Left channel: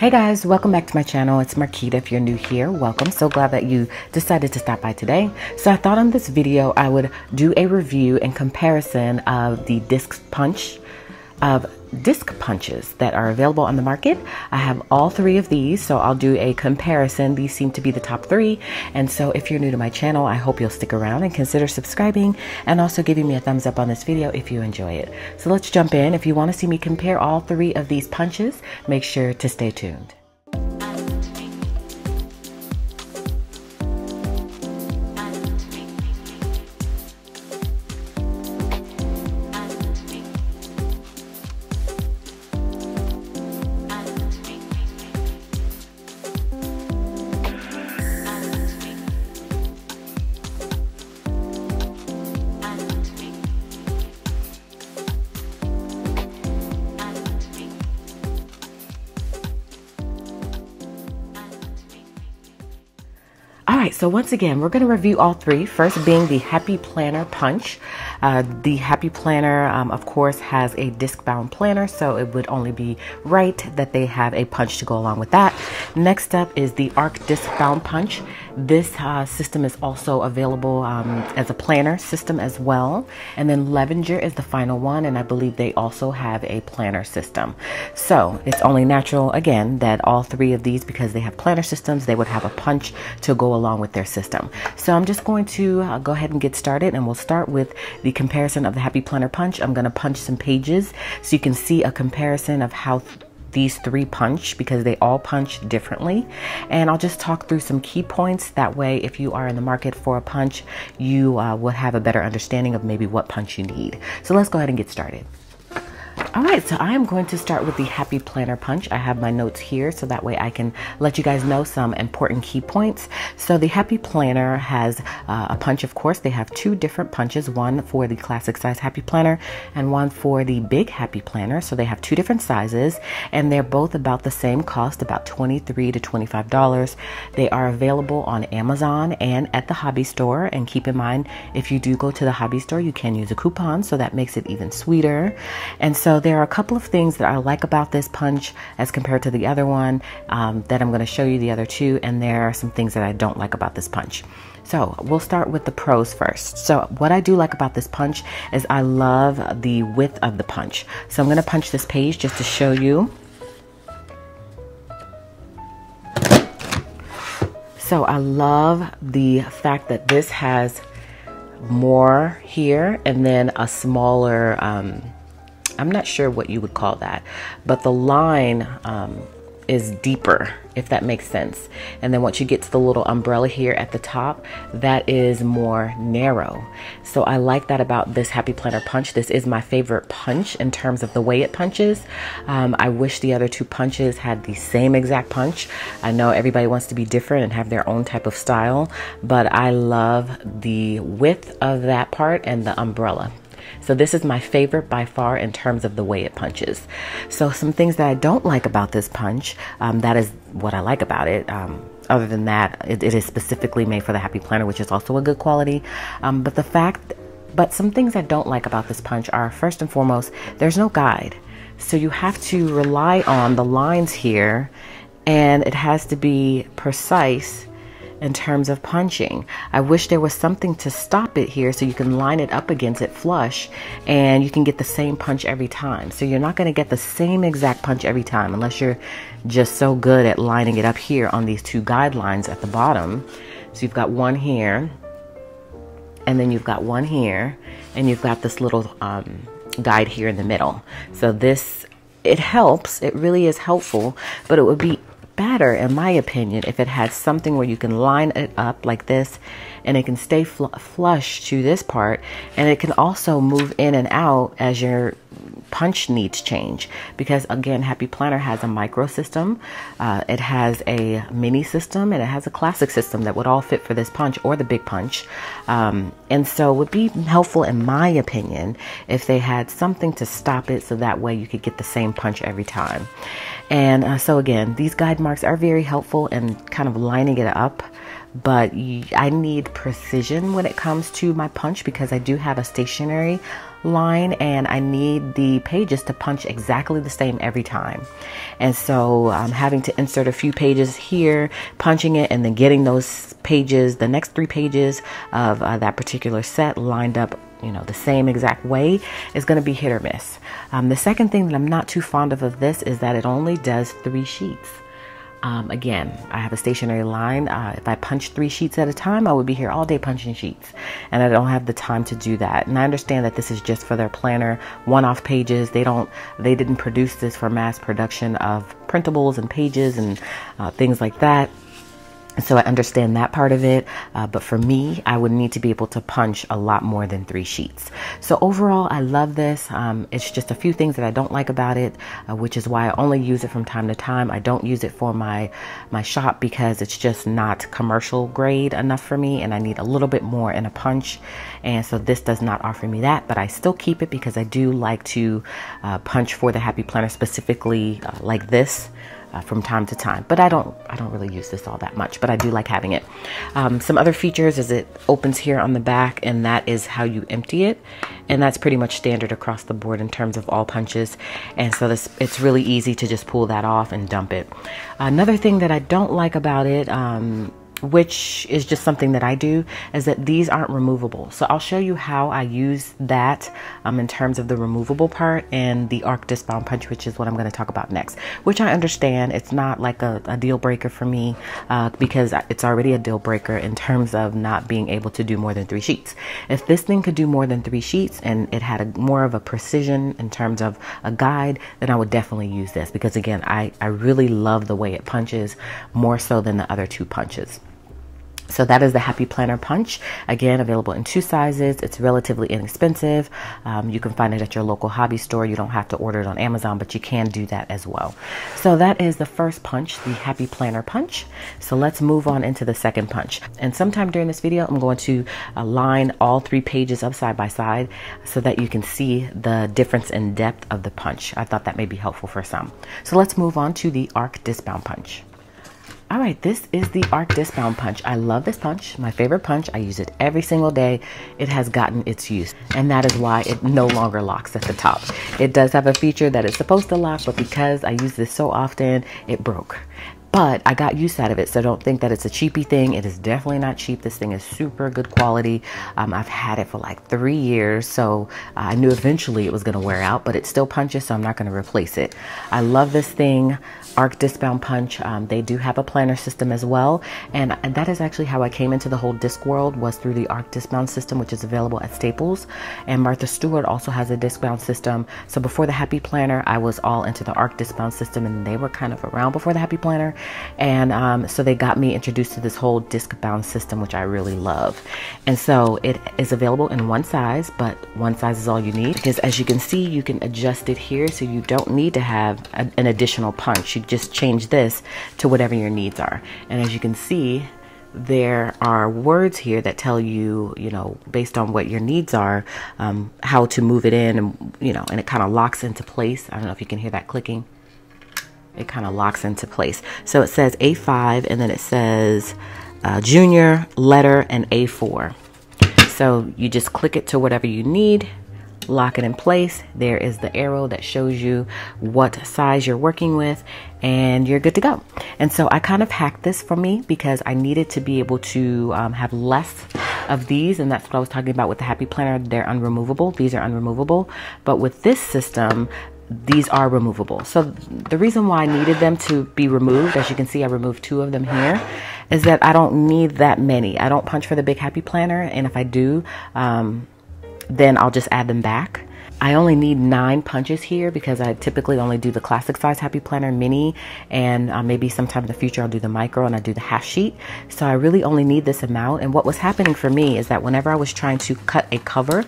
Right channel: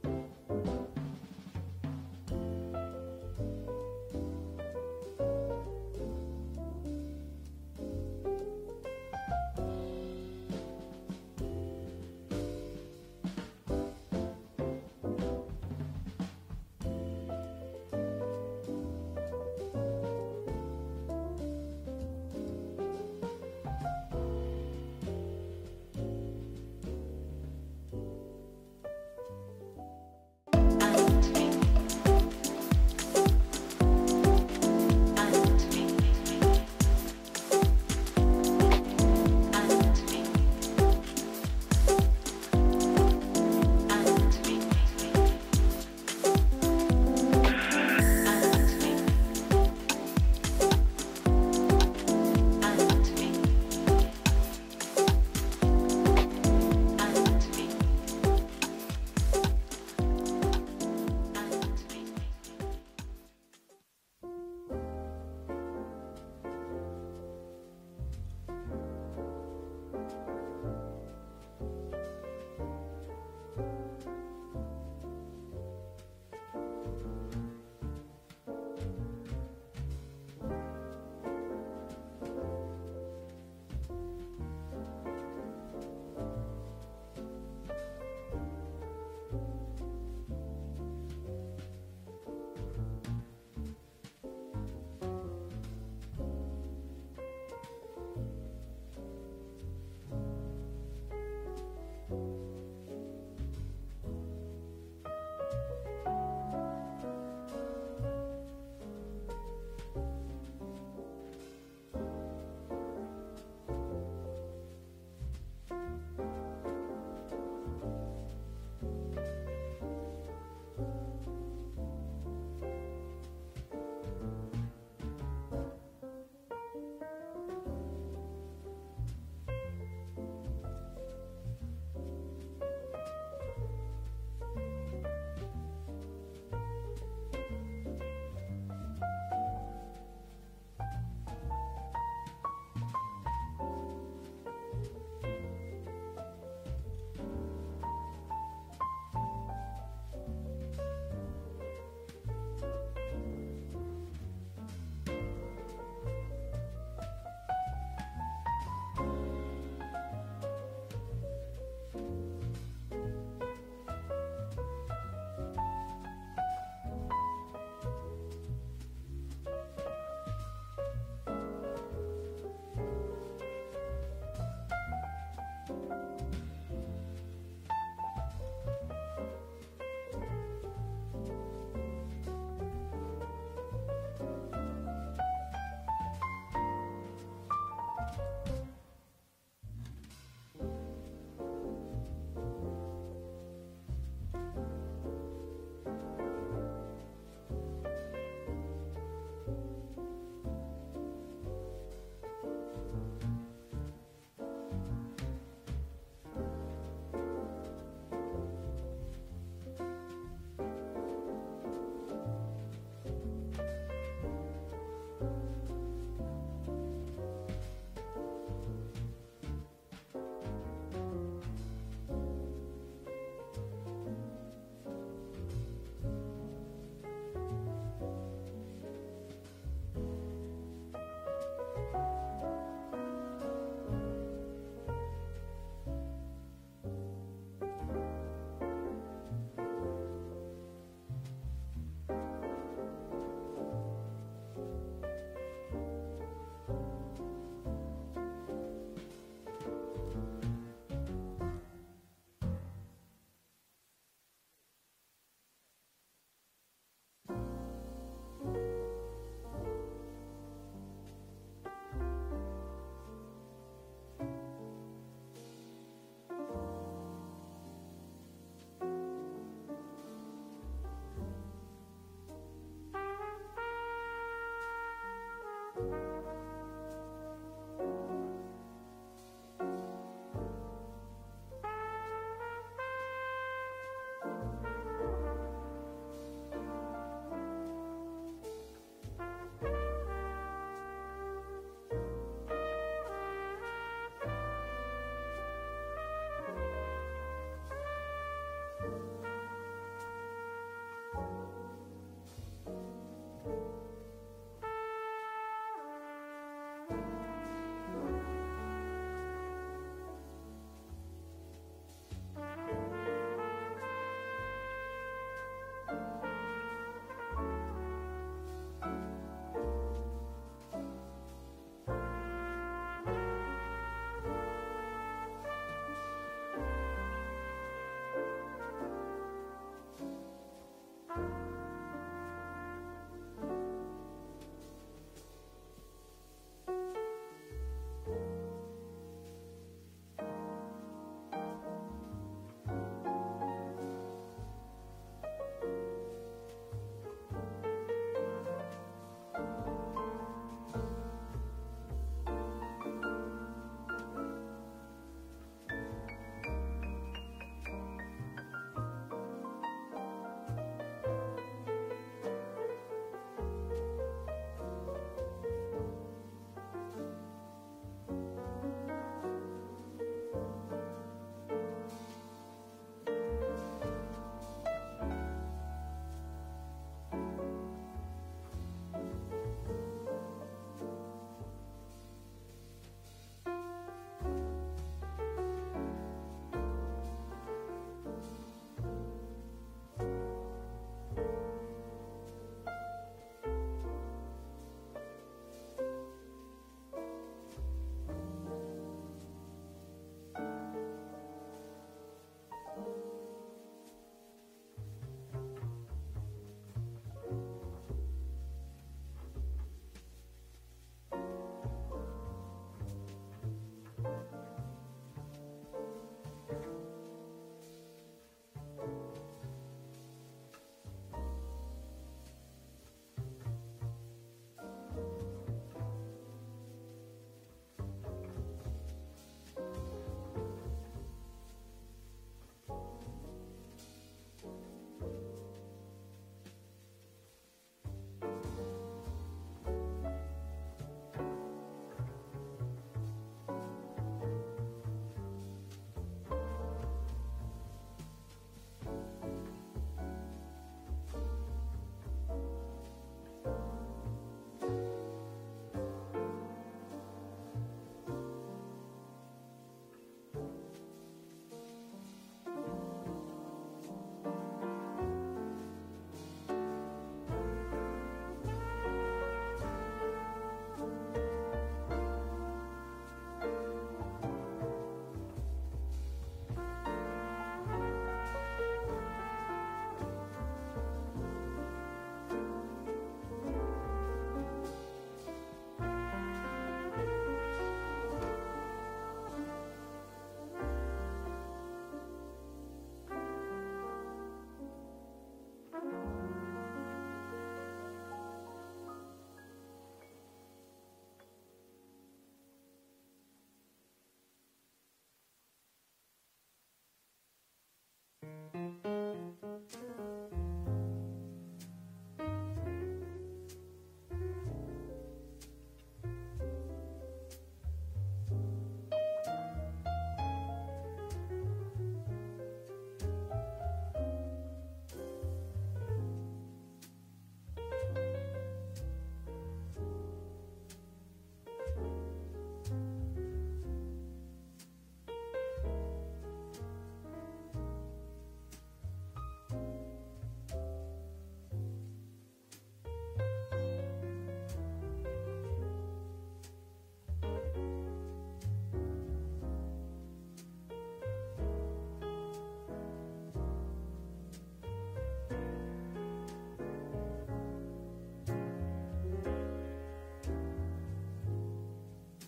Hey guys, welcome back to my channel. It's Marquita. If you're new here, welcome. So glad that you decided to stop by today. So I thought in this video I would do a review and comparison of the disc punches that are available on the market. I have all three of these, so I'll do a comparison. These seem to be the top three, and so if you're new to my channel, I hope you'll stick around and consider subscribing and also giving me a thumbs up on this video if you enjoy it. So let's jump in. If you want to see me compare all three of these punches, make sure to stay tuned. Alright, so once again, we're going to review all three. First being the Happy Planner Punch. The Happy Planner, of course, has a disc-bound planner, so it would only be right that they have a punch to go along with that. Next up is the Arc Disc-bound Punch. This system is also available as a planner system as well. And then Levenger is the final one, and I believe they also have a planner system. So it's only natural, again, that all three of these, because they have planner systems, they would have a punch to go along with their system. So I'm just going to go ahead and get started, and we'll start with the comparison of the Happy Planner Punch. I'm going to punch some pages so you can see a comparison of how these three punch, because they all punch differently, and I'll just talk through some key points. That way, if you are in the market for a punch, you will have a better understanding of maybe what punch you need. So let's go ahead and get started. Alright, so I am going to start with the Happy Planner Punch. I have my notes here so that way I can let you guys know some important key points. So the Happy Planner has a punch, of course. They have two different punches, one for the classic size Happy Planner and one for the big Happy Planner. So they have two different sizes, and they're both about the same cost, about $23 to $25. They are available on Amazon and at the hobby store. And keep in mind, if you do go to the hobby store, you can use a coupon, so that makes it even sweeter. And so there are a couple of things that I like about this punch as compared to the other one that I'm going to show you the other two, and there are some things that I don't like about this punch. So we'll start with the pros first. So what I do like about this punch is I love the width of the punch. So I'm going to punch this page just to show you. So I love the fact that this has more here and then a smaller I'm not sure what you would call that, but the line is deeper, if that makes sense. And then once you get to the little umbrella here at the top, that is more narrow. So I like that about this Happy Planner Punch. This is my favorite punch in terms of the way it punches. I wish the other two punches had the same exact punch. I know everybody wants to be different and have their own type of style, but I love the width of that part and the umbrella. So this is my favorite by far in terms of the way it punches. So some things that I don't like about this punch, that is what I like about it. Other than that, it is specifically made for the Happy Planner, which is also a good quality. But some things I don't like about this punch are, first and foremost, there's no guide. So you have to rely on the lines here, and it has to be precise in terms of punching. I wish there was something to stop it here so you can line it up against it flush and you can get the same punch every time. So you're not going to get the same exact punch every time unless you're just so good at lining it up here on these two guidelines at the bottom. So you've got one here, and then you've got one here, and you've got this little guide here in the middle. So this, it helps, it really is helpful, but it would be better, in my opinion, if it had something where you can line it up like this and it can stay flush to this part, and it can also move in and out as your punch needs change. Because again, Happy Planner has a micro system, it has a mini system, and it has a classic system that would all fit for this punch or the big punch. And so it would be helpful, in my opinion, if they had something to stop it so that way you could get the same punch every time. And so again, these guide marks are very helpful in kind of lining it up, but I need precision when it comes to my punch, because I do have a stationary line, and I need the pages to punch exactly the same every time. And so I'm having to insert a few pages here, punching it, and then getting those pages, the next 3 pages of that particular set lined up, you know, the same exact way is going to be hit or miss. The second thing that I'm not too fond of this is that it only does 3 sheets. Again, I have a stationary line. If I punch 3 sheets at a time, I would be here all day punching sheets, and I don't have the time to do that. And I understand that this is just for their planner one-off pages. They didn't produce this for mass production of printables and pages and things like that. So I understand that part of it, but for me, I would need to be able to punch a lot more than 3 sheets. So overall, I love this. It's just a few things that I don't like about it, which is why I only use it from time to time. I don't use it for my shop because it's just not commercial grade enough for me, and I need a little bit more in a punch. And so this does not offer me that, but I still keep it because I do like to punch for the Happy Planner, specifically like this. From time to time, but I don't really use this all that much, but I do like having it. Some other features is it opens here on the back, and that is how you empty it, and that's pretty much standard across the board in terms of all punches. And so it's really easy to just pull that off and dump it. Another thing that I don't like about it, which is just something that I do, is that these aren't removable. So I'll show you how I use that in terms of the removable part and the arc Discbound punch, which is what I'm going to talk about next, which I understand it's not like a deal breaker for me, because it's already a deal breaker in terms of not being able to do more than 3 sheets. If this thing could do more than 3 sheets and it had more of a precision in terms of a guide, then I would definitely use this, because again, I really love the way it punches, more so than the other 2 punches. So that is the Happy Planner Punch. Again, available in 2 sizes. It's relatively inexpensive. You can find it at your local hobby store. You don't have to order it on Amazon, but you can do that as well. So that is the first punch, the Happy Planner Punch. So let's move on into the second punch. And sometime during this video, I'm going to line all 3 pages up side by side so that you can see the difference in depth of the punch. I thought that may be helpful for some. So let's move on to the Arc Discbound Punch. All right, this is the Arc Discbound Punch. I love this punch, my favorite punch. I use it every single day. It has gotten its use, and that is why it no longer locks at the top. It does have a feature that it's supposed to lock, but because I use this so often, it broke. But I got use out of it, so don't think that it's a cheapy thing. It is definitely not cheap. This thing is super good quality. I've had it for like 3 years, so I knew eventually it was going to wear out, but it still punches, so I'm not going to replace it. I love this thing, Arc Discbound Punch. They do have a planner system as well, and that is actually how I came into the whole disc world, was through the Arc Discbound system, which is available at Staples. And Martha Stewart also has a Discbound system. So before the Happy Planner, I was all into the Arc Discbound system, and they were kind of around before the Happy Planner. And so they got me introduced to this whole disc-bound system, which I really love. And so it is available in 1 size, but 1 size is all you need, because as you can see, you can adjust it here, so you don't need to have an additional punch. You just change this to whatever your needs are. And as you can see, there are words here that tell you, you know, based on what your needs are, how to move it in, and, you know, and it kind of locks into place. I don't know if you can hear that clicking. It kind of locks into place. So it says A5, and then it says junior, letter, and A4. So you just click it to whatever you need, lock it in place. There is the arrow that shows you what size you're working with, and you're good to go. And so I kind of hacked this for me because I needed to be able to have less of these, and that's what I was talking about with the Happy Planner. They're unremovable. These are unremovable. But with this system, these are removable. So the reason why I needed them to be removed, as you can see, I removed 2 of them here, is that I don't need that many. I don't punch for the big Happy Planner, and if I do, then I'll just add them back. I only need 9 punches here because I typically only do the classic size Happy Planner mini, and maybe sometime in the future I'll do the micro and I do the half sheet. So I really only need this amount. And what was happening for me is that whenever I was trying to cut a cover,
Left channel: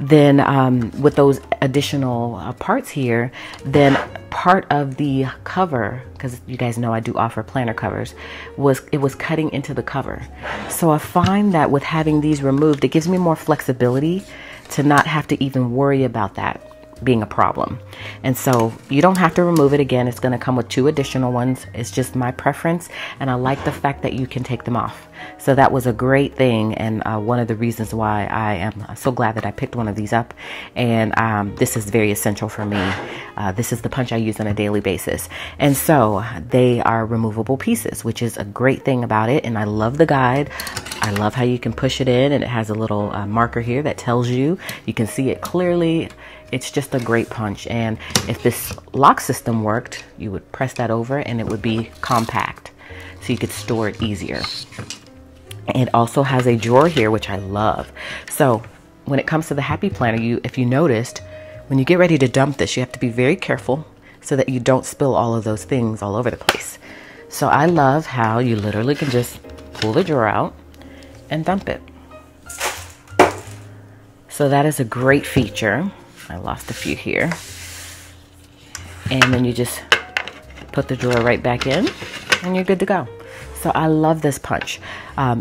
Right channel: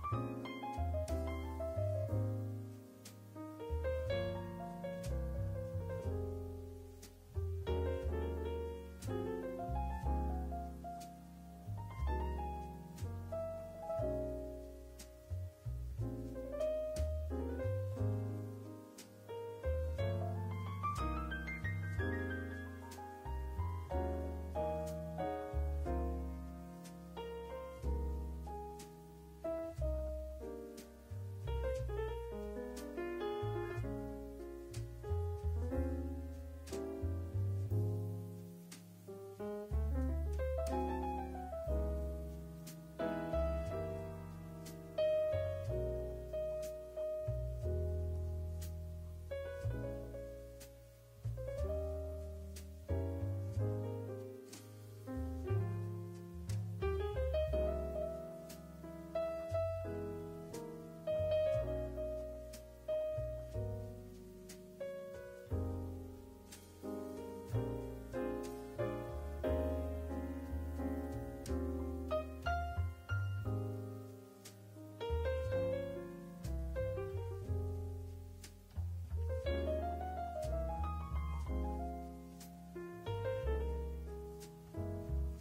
then with those additional parts here, then part of the cover, because you guys know I do offer planner covers, it was cutting into the cover. So I find that with having these removed, it gives me more flexibility to not have to even worry about that. being a problem. And so you don't have to remove it again. It's going to come with 2 additional ones. It's just my preference, and I like the fact that you can take them off. So that was a great thing, and one of the reasons why I am so glad that I picked one of these up. And this is very essential for me. This is the punch I use on a daily basis. And so they are removable pieces, which is a great thing about it. And I love the guide. I love how you can push it in, and it has a little marker here that tells you. You can see it clearly. It's just a great punch. And if this lock system worked, you would press that over and it would be compact, so you could store it easier. It also has a drawer here, which I love. So when it comes to the Happy Planner, if you noticed, when you get ready to dump this, you have to be very careful so that you don't spill all of those things all over the place. So I love how you literally can just pull the drawer out and dump it. So that is a great feature. I lost a few here. And then you just put the drawer right back in and you're good to go. So I love this punch.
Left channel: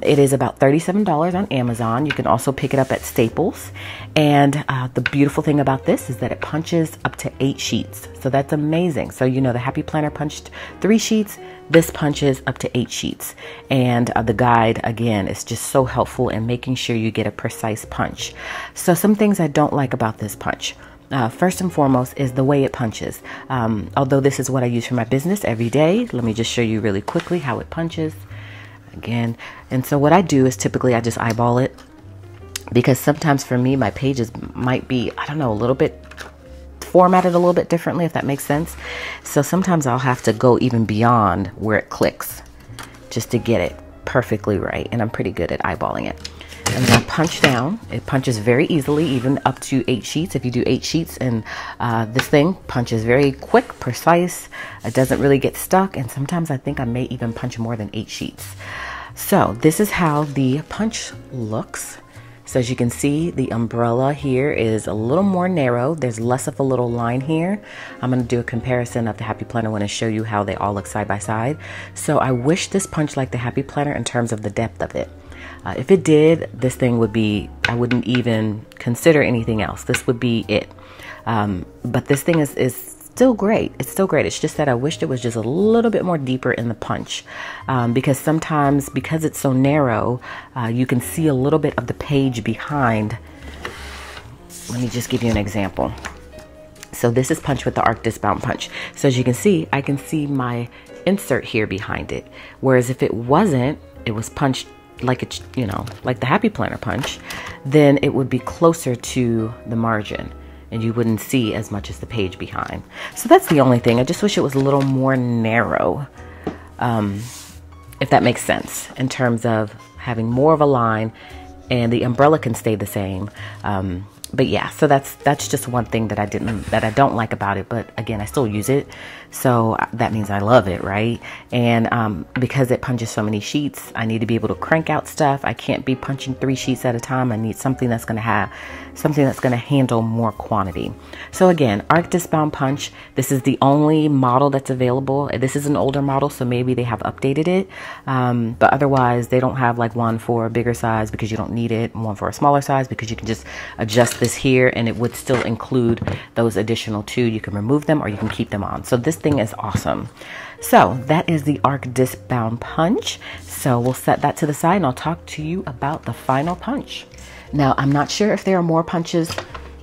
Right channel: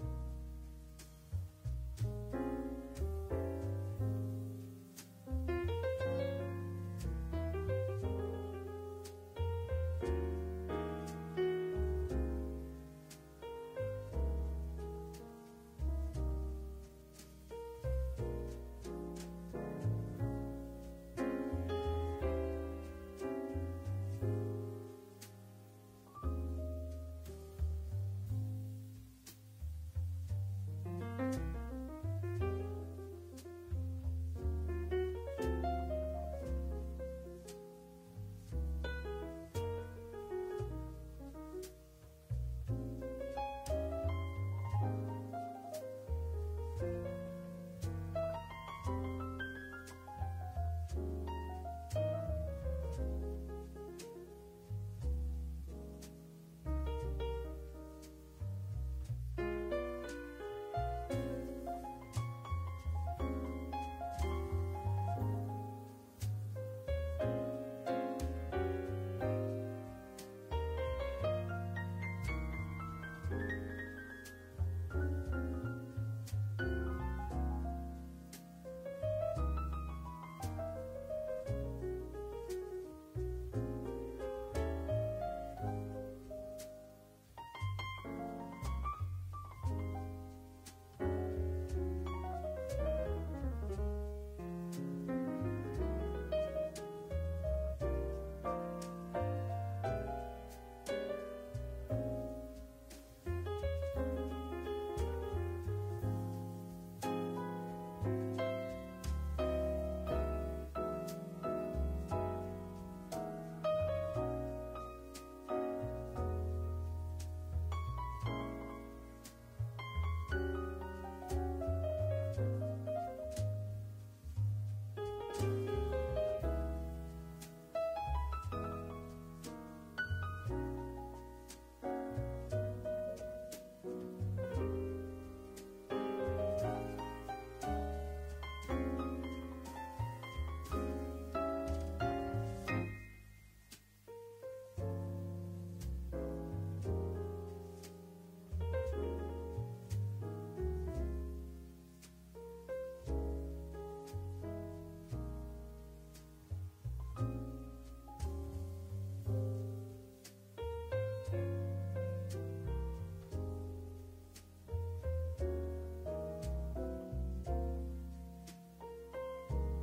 It is about $37 on Amazon. You can also pick it up at Staples. And the beautiful thing about this is that it punches up to 8 sheets. So that's amazing. So you know the Happy Planner punched 3 sheets. This punches up to 8 sheets. And the guide, again, is just so helpful in making sure you get a precise punch. So some things I don't like about this punch. First and foremost is the way it punches. Although this is what I use for my business every day, let me just show you really quickly how it punches again. And so what I do is typically I just eyeball it, because sometimes for me my pages might be, I don't know, a little bit formatted a little bit differently, if that makes sense. So sometimes I'll have to go even beyond where it clicks just to get it perfectly right, and I'm pretty good at eyeballing it. And then I punch down. It punches very easily, even up to 8 sheets. If you do 8 sheets, and this thing punches very quick, precise. It doesn't really get stuck. And sometimes I think I may even punch more than 8 sheets. So this is how the punch looks. So as you can see, the umbrella here is a little more narrow. There's less of a little line here. I'm going to do a comparison of the Happy Planner when I show you how they all look side by side. So I wish this punched like the Happy Planner in terms of the depth of it. If it did, this thing would be, I wouldn't even consider anything else. This would be it. But this thing is still great. It's still great. It's just that I wished it was just a little bit more deeper in the punch. Because sometimes, because it's so narrow, you can see a little bit of the page behind. Let me just give you an example. So this is punched with the Arc Discbound punch. So as you can see, I can see my insert here behind it. Whereas if it wasn't, it was punched like it's, you know, like the Happy Planner punch, then it would be closer to the margin and you wouldn't see as much as the page behind. So that's the only thing. I just wish it was a little more narrow, if that makes sense, in terms of having more of a line, and the umbrella can stay the same. But yeah, so that's just one thing that I don't like about it. But again, I still use it, so that means I love it, right? And because it punches so many sheets, I need to be able to crank out stuff. I can't be punching 3 sheets at a time. I need something that's going to handle more quantity. So again, Arc Discbound Punch. This is the only model that's available. This is an older model, so maybe they have updated it. But otherwise, they don't have like one for a bigger size because you don't need it, and one for a smaller size because you can just adjust this here and it would still include those additional 2. You can remove them or you can keep them on. So this thing is awesome. So that is the Arc Discbound Punch. So we'll set that to the side and I'll talk to you about the final punch. Now, I'm not sure if there are more punches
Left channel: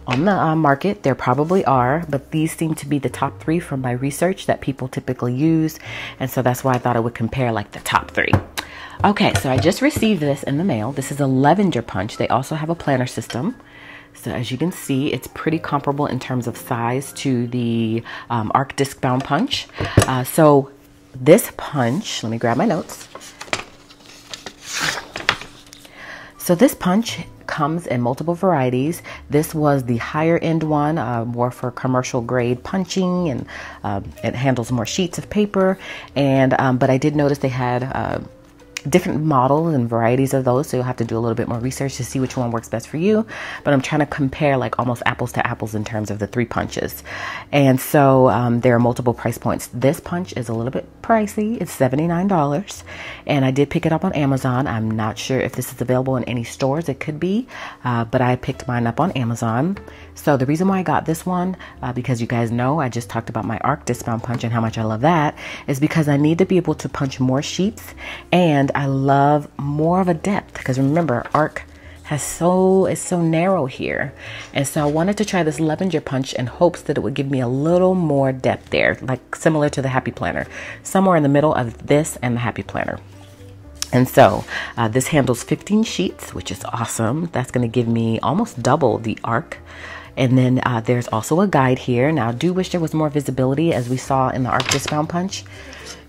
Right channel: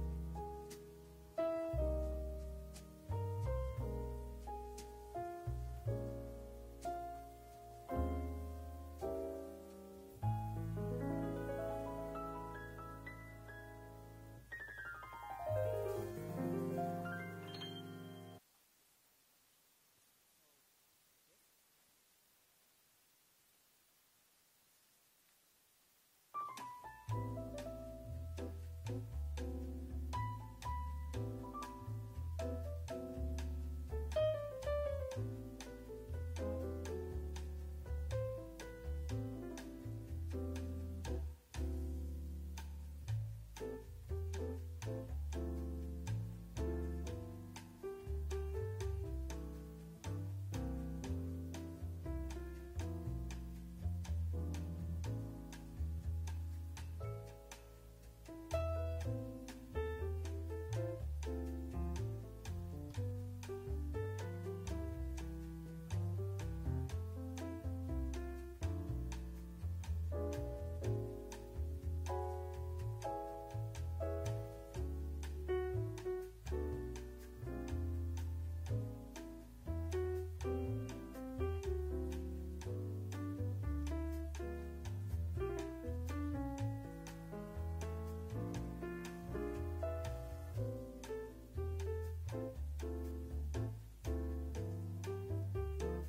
on the market. There probably are, but these seem to be the top 3 from my research that people typically use. And so that's why I thought I would compare like the top 3. Okay, so I just received this in the mail. This is a Levenger Punch. They also have a planner system. So as you can see, it's pretty comparable in terms of size to the Arc Discbound Punch. So this punch, let me grab my notes. So this punch comes in multiple varieties. This was the higher end one, more for commercial grade punching, and it handles more sheets of paper. And but I did notice they had different models and varieties of those, so you'll have to do a little bit more research to see which one works best for you. But I'm trying to compare like almost apples to apples in terms of the 3 punches. And so there are multiple price points. This punch is a little bit pricey. It's $79, and I did pick it up on Amazon. I'm not sure if this is available in any stores. It could be, but I picked mine up on Amazon. So the reason why I got this one, because you guys know I just talked about my arc Discbound punch and how much I love that, is because I need to be able to punch more sheets, and I love more of a depth, because remember, arc is so narrow here. And so I wanted to try this Levenger Punch in hopes that it would give me a little more depth there, like similar to the Happy Planner, somewhere in the middle of this and the Happy Planner. And so this handles 15 sheets, which is awesome. That's going to give me almost double the arc. And then there's also a guide here. Now I do wish there was more visibility, as we saw in the arc Discbound punch.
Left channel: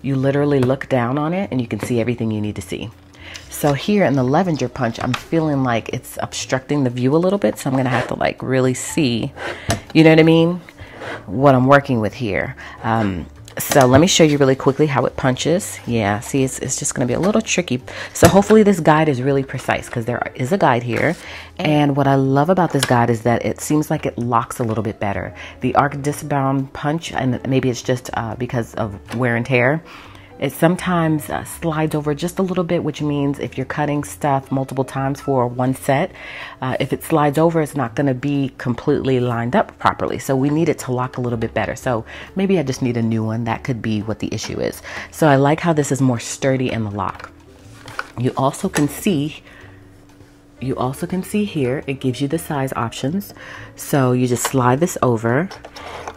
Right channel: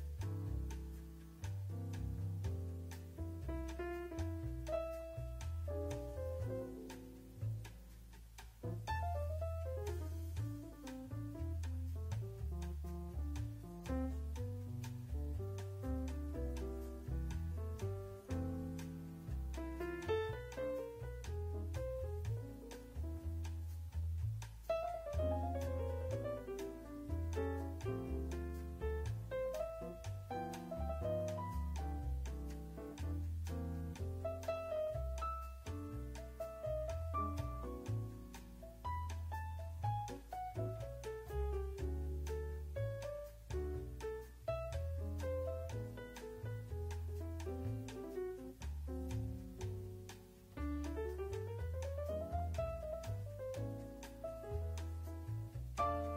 You literally look down on it and you can see everything you need to see. So here in the Levenger punch, I'm feeling like it's obstructing the view a little bit. So I'm going to have to like really see, you know what I mean, what I'm working with here. So let me show you really quickly how it punches. Yeah, see, it's just going to be a little tricky. So hopefully this guide is really precise, because there is a guide here. And what I love about this guide is that it seems like it locks a little bit better. The arc Discbound punch, and maybe it's just because of wear and tear, it sometimes slides over just a little bit, which means if you're cutting stuff multiple times for one set, if it slides over, it's not going to be completely lined up properly. So we need it to lock a little bit better. So maybe I just need a new one. That could be what the issue is. So I like how this is more sturdy in the lock. You also can see here, it gives you the size options. So you just slide this over.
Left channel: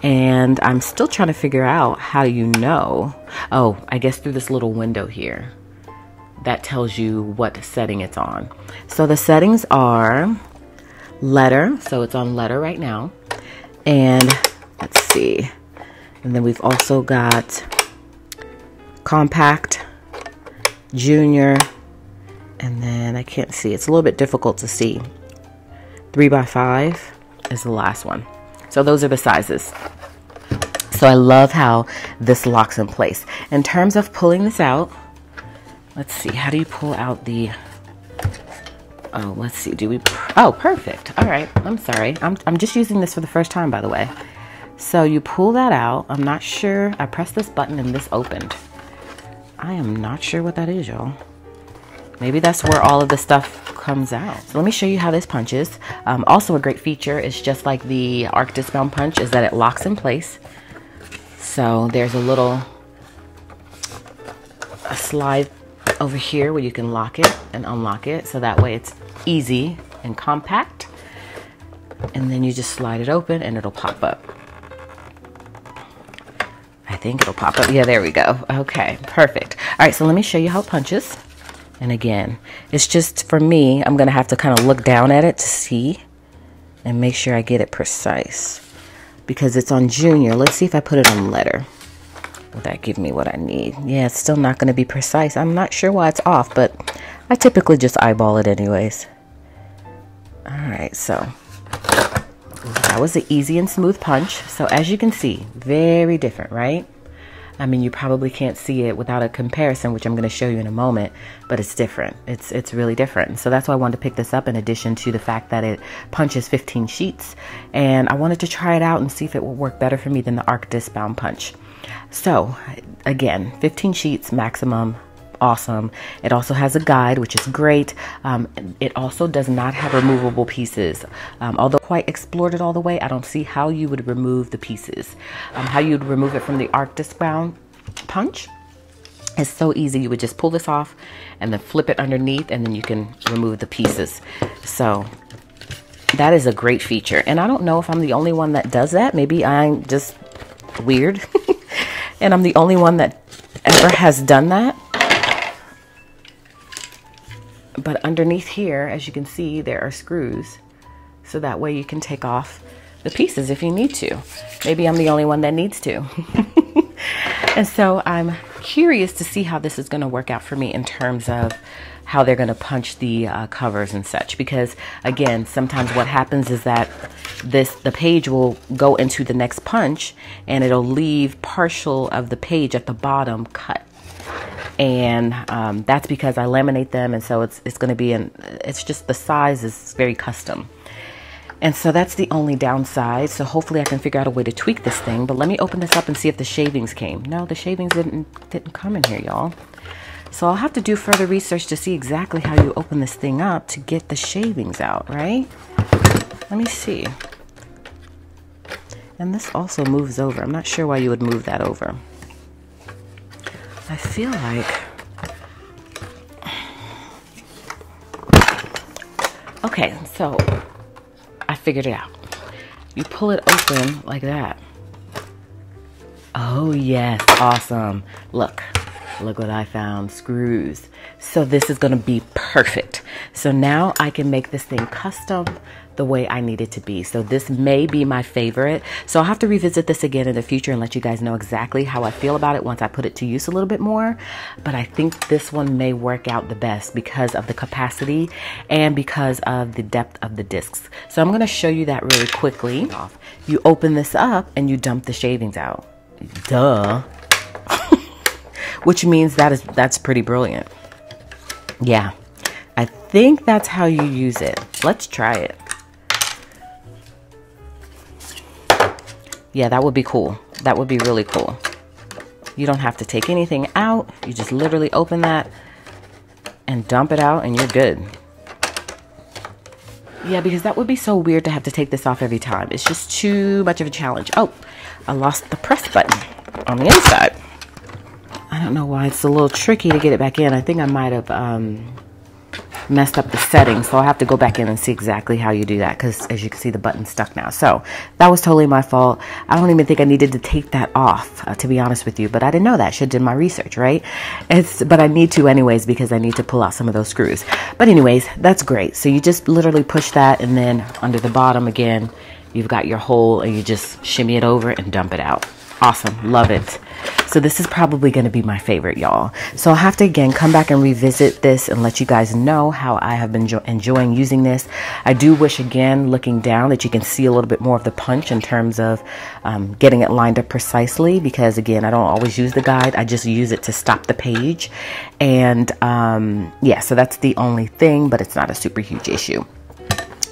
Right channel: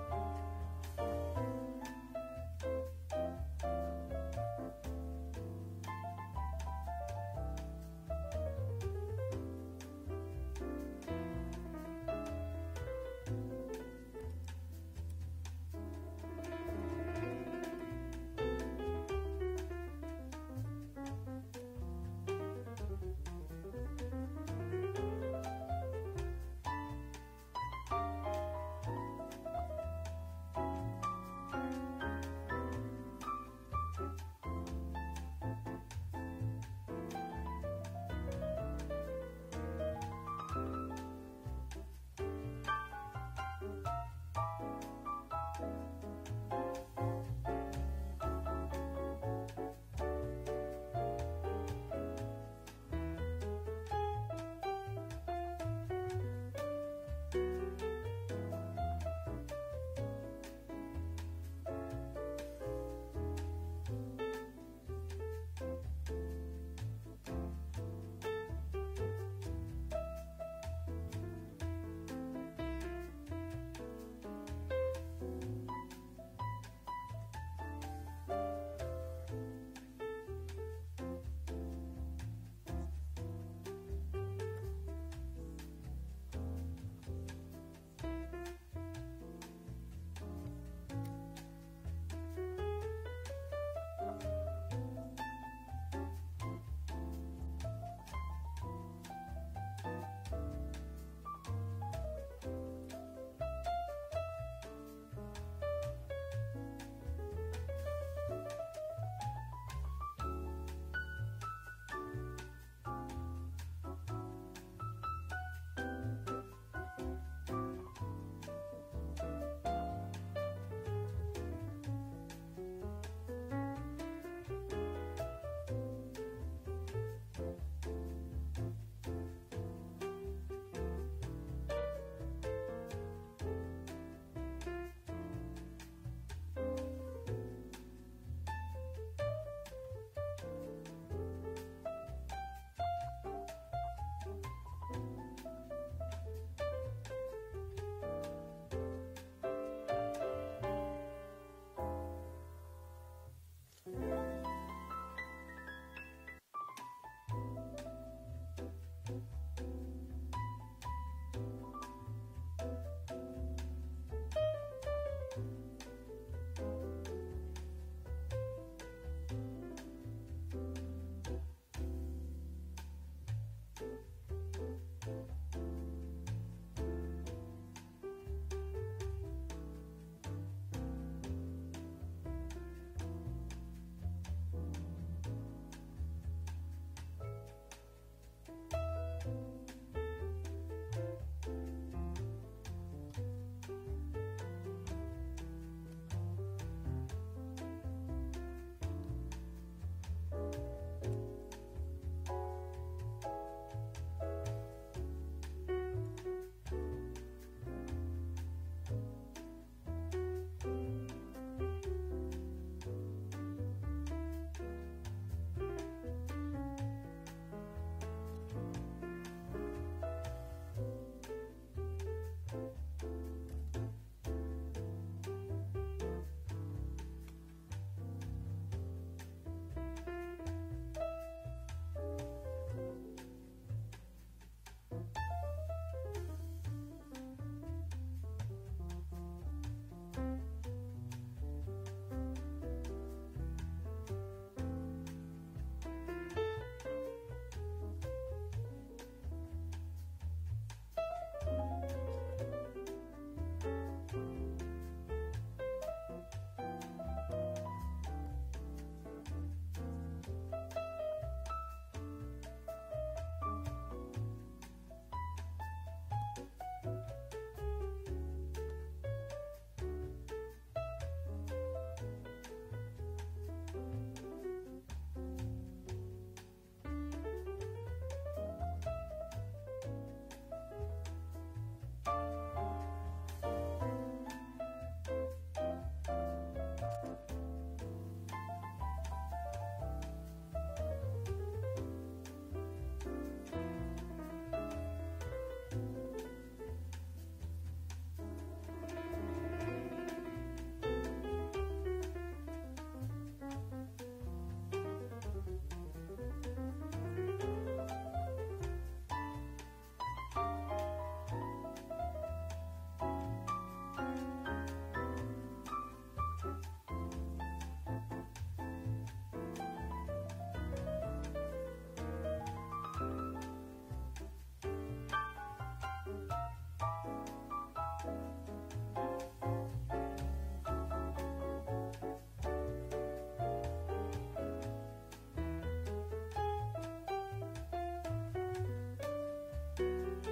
And I'm still trying to figure out how you know. Oh, I guess through this little window here. That tells you what setting it's on. So the settings are letter. So it's on letter right now. And let's see. And then we've also got compact, junior, and then I can't see. It's a little bit difficult to see. 3x5 is the last one. So those are the sizes. So I love how this locks in place. In terms of pulling this out, let's see, how do you pull out the, oh, let's see, oh, perfect. All right, I'm sorry. I'm just using this for the first time, by the way. So you pull that out. I'm not sure. I pressed this button and this opened. I am not sure what that is, y'all. Maybe that's where all of the stuff comes out. So let me show you how this punches. Also a great feature is just like the arc Discbound punch, is that it locks in place. So there's a slide over here where you can lock it and unlock it. So that way it's easy and compact. And then you just slide it open and it'll pop up. I think it'll pop up. Yeah, there we go. Okay, perfect. All right, so let me show you how it punches. And again, it's just, for me, I'm going to have to kind of look down at it to see and make sure I get it precise. Because it's on junior. Let's see if I put it on letter. Will that give me what I need? Yeah, it's still not going to be precise. I'm not sure why it's off, but I typically just eyeball it anyways. All right, so that was an easy and smooth punch. So as you can see, very different, right? I mean, you probably can't see it without a comparison, which I'm going to show you in a moment, but it's different. It's really different. So that's why I wanted to pick this up, in addition to the fact that it punches 15 sheets. And I wanted to try it out and see if it will work better for me than the arc Discbound punch. So again, 15 sheets maximum. Awesome. It also has a guide, which is great. It also does not have removable pieces. Although quite explored it all the way, I don't see how you would remove the pieces. How you'd remove it from the arc Discbound punch is so easy. You would just pull this off and then flip it underneath, and then you can remove the pieces. So that is a great feature. And I don't know if I'm the only one that does that. Maybe I'm just weird and I'm the only one that ever has done that. But underneath here, as you can see, there are screws. So that way you can take off the pieces if you need to. Maybe I'm the only one that needs to. And so I'm curious to see how this is going to work out for me in terms of how they're going to punch the covers and such. Because again, sometimes what happens is that the page will go into the next punch and it'll leave partial of the page at the bottom cut. And that's because I laminate them, and so it's going to be it's just the size is very custom. And so that's the only downside. So hopefully I can figure out a way to tweak this thing. But let me open this up and see if the shavings came. No, the shavings didn't come in here, y'all. So I'll have to do further research to see exactly how you open this thing up to get the shavings out, right? Let me see. And this also moves over. I'm not sure why you would move that over. I feel like, okay, so I figured it out. You pull it open like that. Oh yes, awesome. Look what I found, screws. So this is gonna be perfect. So now I can make this thing custom the way I need it to be. So this may be my favorite. So I'll have to revisit this again in the future and let you guys know exactly how I feel about it once I put it to use a little bit more. But I think this one may work out the best because of the capacity and because of the depth of the discs. So I'm gonna show you that really quickly. You open this up and you dump the shavings out. Duh. Which means that's pretty brilliant. Yeah, I think that's how you use it. Let's try it. Yeah, that would be cool. That would be really cool. You don't have to take anything out. You just literally open that and dump it out and you're good. Yeah, because that would be so weird to have to take this off every time. It's just too much of a challenge. Oh, I lost the press button on the inside. I don't know why it's a little tricky to get it back in. I think I might have messed up the settings, so I'll have to go back in and see exactly how you do that, because as you can see, the button's stuck now. So that was totally my fault. I don't even think I needed to take that off, to be honest with you, but I didn't know that. Should have did my research, right? But I need to anyways, because I need to pull out some of those screws. But anyways, that's great. So you just literally push that, and then under the bottom again, you've got your hole, and you just shimmy it over and dump it out. Awesome, love it. So this is probably going to be my favorite, y'all. So I'll have to again come back and revisit this and let you guys know how I have been enjoying using this. I do wish, again, looking down, that you can see a little bit more of the punch in terms of getting it lined up precisely, because again, I don't always use the guide. I just use it to stop the page. And yeah, so that's the only thing, but it's not a super huge issue.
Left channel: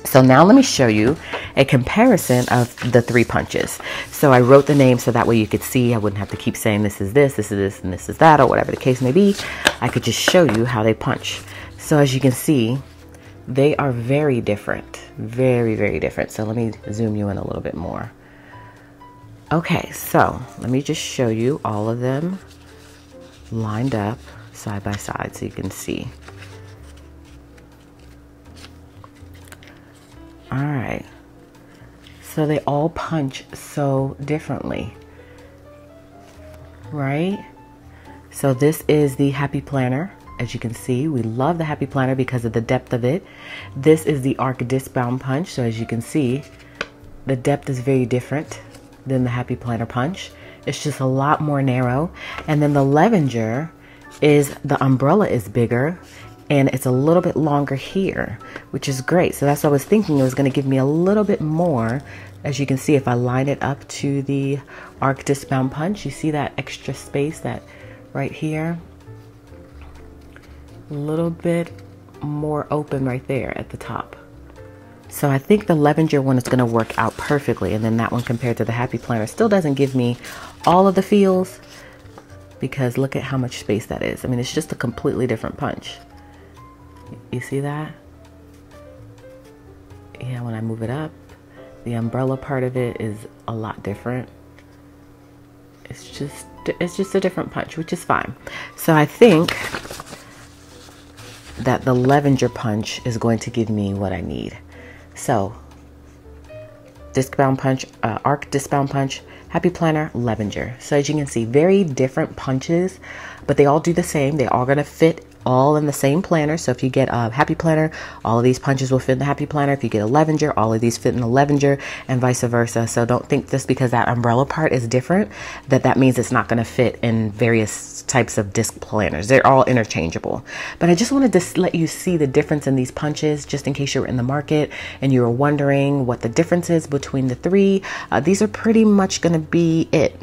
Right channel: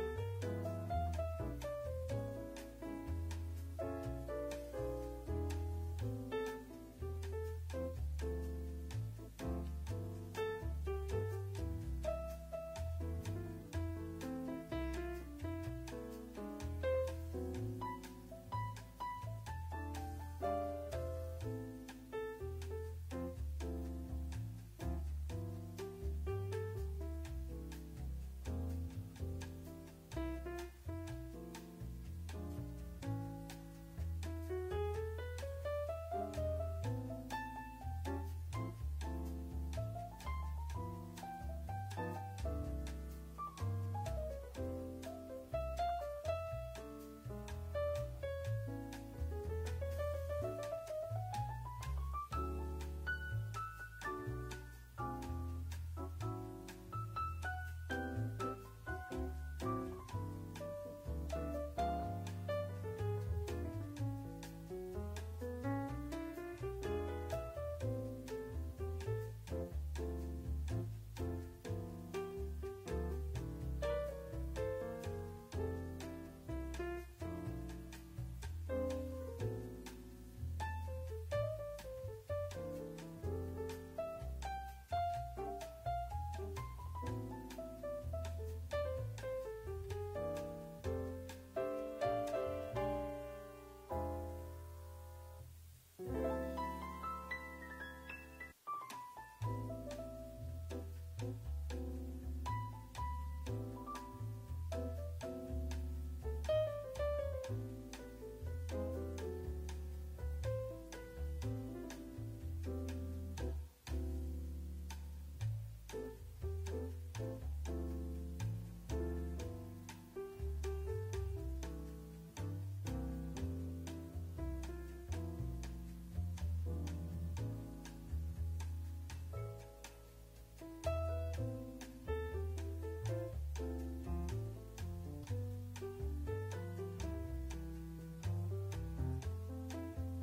So now let me show you a comparison of the 3 punches. So I wrote the name so that way you could see. I wouldn't have to keep saying this is this, this is this, and this is that, or whatever the case may be. I could just show you how they punch. So as you can see, they are very different. Very, very different. So let me zoom you in a little bit more. Okay, so let me just show you all of them lined up side by side so you can see. All right, so they all punch so differently, right? So this is the Happy Planner. As you can see, we love the Happy Planner because of the depth of it. This is the Arc Discbound Punch. So as you can see, the depth is very different than the Happy Planner Punch. It's just a lot more narrow. And then the Levenger is, the umbrella is bigger, and it's a little bit longer here, which is great. So that's what I was thinking. It was going to give me a little bit more. As you can see, if I line it up to the Arc Discbound Punch, you see that extra space that right here, a little bit more open right there at the top. So I think the Levenger one is going to work out perfectly. And then that one compared to the Happy Planner still doesn't give me all of the feels, because look at how much space that is. I mean, it's just a completely different punch. You see that? Yeah, when I move it up, the umbrella part of it is a lot different. It's just a different punch, which is fine. So I think that the Levenger Punch is going to give me what I need. So Discbound Punch, Arc Discbound Punch, Happy Planner, Levenger. So as you can see, very different punches, but they all do the same. They all gonna fit all in the same planner. So if you get a Happy Planner, all of these punches will fit in the Happy Planner. If you get a Levenger, all of these fit in the Levenger, and vice versa. So don't think just because that umbrella part is different that means it's not going to fit in various types of disc planners. They're all interchangeable. But I just wanted to let you see the difference in these punches, just in case you were in the market and you were wondering what the difference is between the 3. These are pretty much going to be it.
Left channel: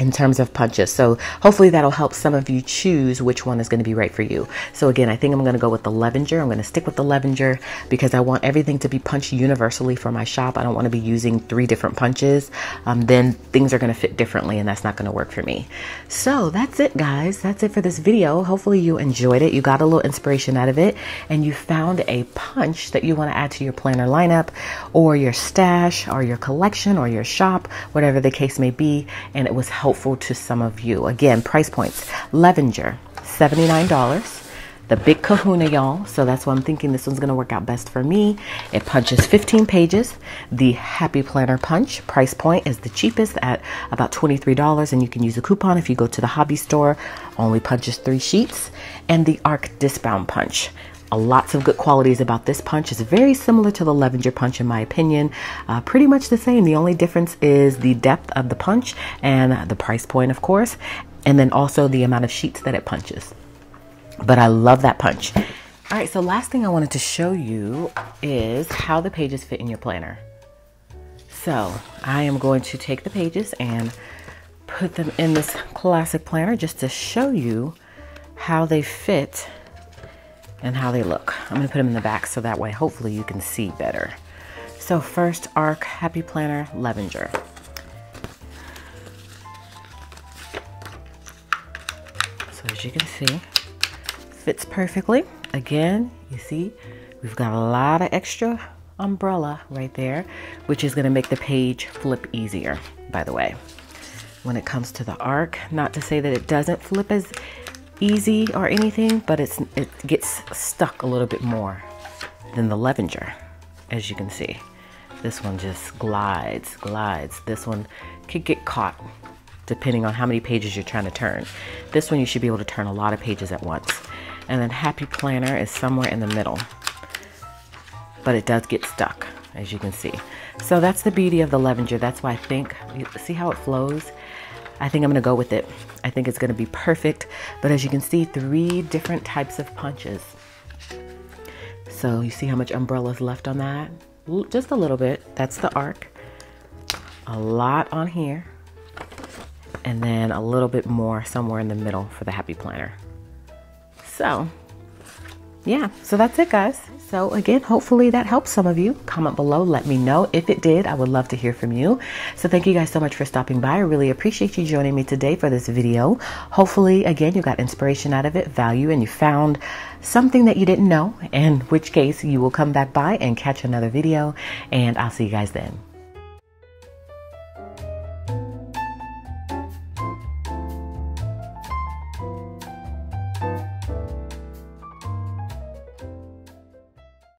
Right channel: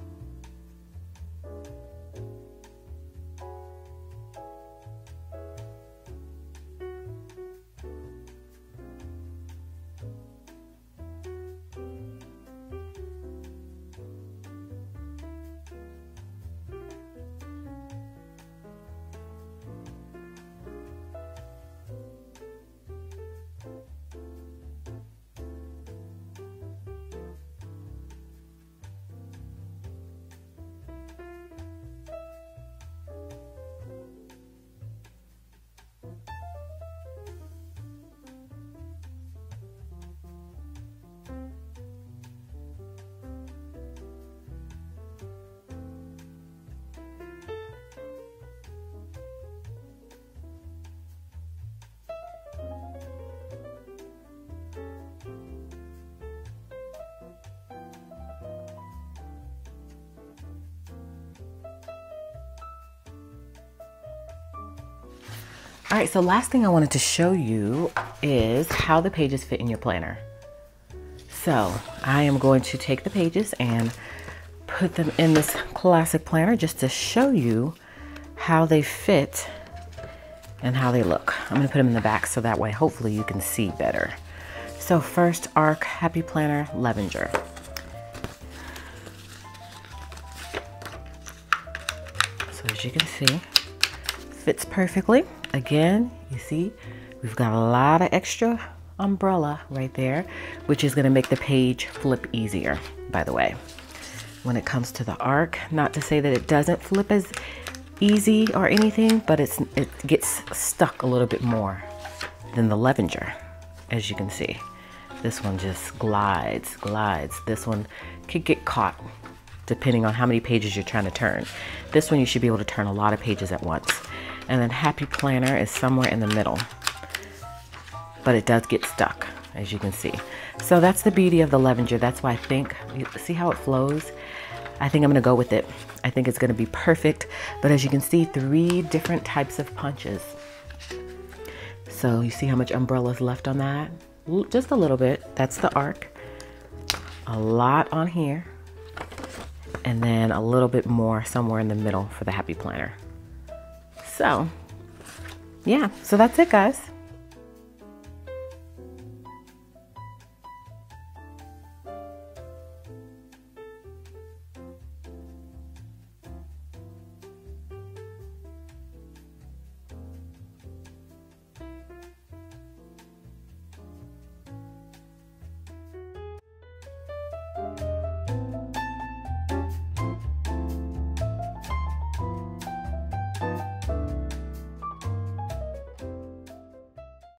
in terms of punches. So hopefully that'll help some of you choose which one is going to be right for you. So again, I think I'm going to go with the Levenger. I'm going to stick with the Levenger because I want everything to be punched universally for my shop. I don't want to be using 3 different punches. Then things are going to fit differently and that's not going to work for me. So that's it, guys. That's it for this video. Hopefully you enjoyed it. You got a little inspiration out of it and you found a punch that you want to add to your planner lineup or your stash or your collection or your shop, whatever the case may be, and it was helpful to some of you. Again, price points: Levenger, $79. The big kahuna, y'all. So that's why I'm thinking this one's going to work out best for me. It punches 15 pages. The Happy Planner Punch price point is the cheapest at about $23, and you can use a coupon if you go to the hobby store. Only punches 3 sheets. And the Arc Discbound Punch. Lots of good qualities about this punch. It's very similar to the Levenger punch in my opinion. Pretty much the same. The only difference is the depth of the punch and the price point, of course, and then also the amount of sheets that it punches. But I love that punch. All right, so last thing I wanted to show you is how the pages fit in your planner. So I am going to take the pages and put them in this classic planner just to show you how they fit and how they look. I'm going to put them in the back so that way hopefully you can see better. So first, Arc Happy Planner Levenger. So as you can see, fits perfectly. Again, you see we've got a lot of extra umbrella right there, which is going to make the page flip easier, by the way. When it comes to the Arc, not to say that it doesn't flip as easy or anything, but it gets stuck a little bit more than the Levenger. As you can see, this one just glides. This one could get caught depending on how many pages you're trying to turn. This one you should be able to turn a lot of pages at once. And then Happy Planner is somewhere in the middle, but it does get stuck, as you can see. So that's the beauty of the Levenger. That's why I think, you see how it flows? I think I'm going to go with it. I think it's going to be perfect. But as you can see, 3 different types of punches. So you see how much umbrella is left on that? Just a little bit. That's the Arc. A lot on here. And then a little bit more somewhere in the middle for the Happy Planner. So, yeah. So that's it, guys. So again, hopefully that helps some of you. Comment below, let me know. If it did, I would love to hear from you. So thank you guys so much for stopping by. I really appreciate you joining me today for this video. Hopefully, again, you got inspiration out of it, value, and you found something that you didn't know, in which case you will come back by and catch another video, and I'll see you guys then.